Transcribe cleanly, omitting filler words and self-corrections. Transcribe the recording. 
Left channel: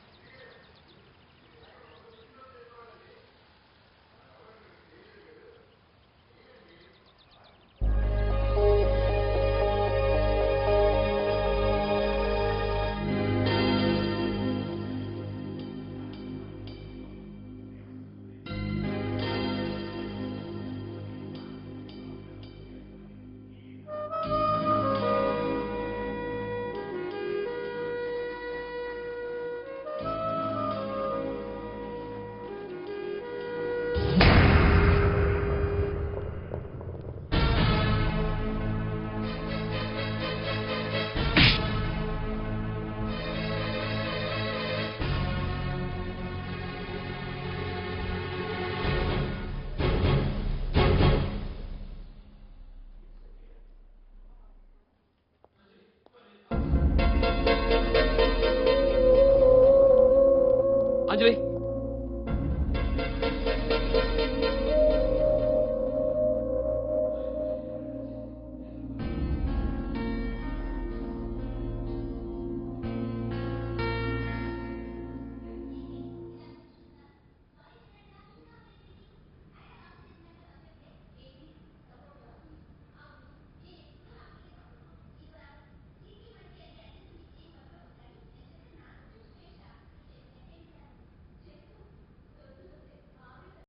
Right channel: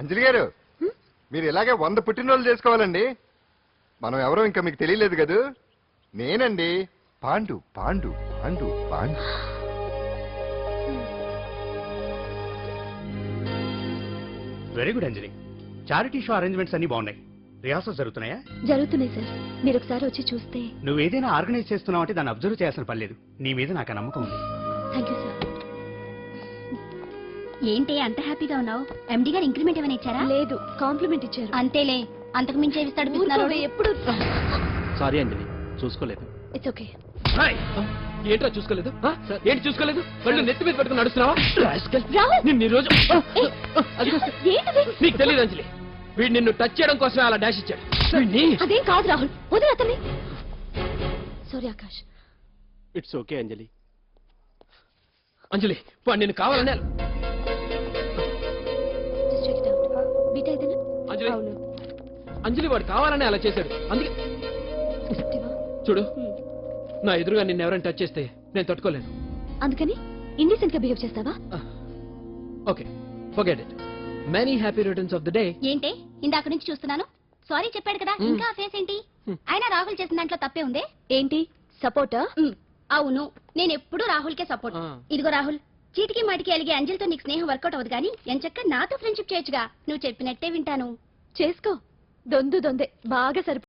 అంజలి గారు మీరు ఇలాగే 100 పుట్టినరోజులు చేసుకోవాలండి. మనం ఎవరో ఇంకా మీకు తెలియలేదు కదూ. నేనండి పాండు పాండు పాండు పాండు. వెరీ గుడ్ అంజలి. చారిటీ షో అరేంజ్మెంట్స్ అన్ని బాగున్నాయి. రిహార్సల్స్ జరుగుతున్నాయా? జరుగుతున్నాయి సార్. మీరు ఒకసారి వచ్చి చూస్తే. నువ్వు ఏదైనా ఆర్గనైజ్ చేస్తున్నావు అంటే దాన్ని అబ్జర్వ్ చేయాల్సిన పని లేదు. నీ మీద నాకు నమ్మకం ఉంది. ఏంటి అంత హ్యాపీగా ఉన్నావు? ఎండి గారు ఇంక్రిమెంట్ ఏమైనా ఇచ్చారా? లేదు, కాంప్లిమెంట్ ఇచ్చారు. అంతేలే, అంతకు మించి ఇస్తాడు. ఎప్పుడు సారీ అండి, చూసుకోలేదు. It's okay. ఏంట్రా చూసుకోలేదు? ఏంటి చూసుకోలేదు? వాళ్ళు నెత్తి మీద పెట్టుకుని నడుస్తున్నావా? నిన్ను ఈ రోజు నీకు తెలియదు అంజలి, వీడు నిన్ను టచ్ చేయడం కోసమే అలా డాష్ ఇచ్చాడు. అదేం కాదు రాహుల్, వదిలే అతని. సారీ ఆకాష్. ఇట్స్ ఓకే అంజలి. అంజలి వాడు నిన్ను కావాలనే. అంజలి అంజలి వాడు కావాలనే అలా చేశాడు. చూడు, నా ఎదురుగా నిన్ను ఎవరైనా టచ్ చేస్తే నేను తట్టుకోలేను. అందుకని ఇండిసెంట్ గా బిహేవ్ చేస్తావా? Okay, forget it. Many happy returns of the day. ఏంటి ఇందాక నుంచి చూస్తున్నాను. సారీ చెప్పాడు కదా, ఇంకా ఫేస్ ఏంటి? అయినా రాహుల్ చేసిన దాంట్లో తప్పే ఉంది. ఏంటి సపోర్టా? అవును, నేను ఎప్పుడు రాహుల్ కే సపోర్ట్. ఇదిగో రాహుల్, చీటికి మాటికి అలిగే అంజలితో నీకు స్నేహం వర్కౌట్ అవ్వదు కానీ ఎంచక్క నాతో ఫ్రెండ్షిప్ చేయొచ్చుగా. నువ్వు చెప్పినట్టే వింటాను. చేసుకో. దొందే బాగా సరిపో.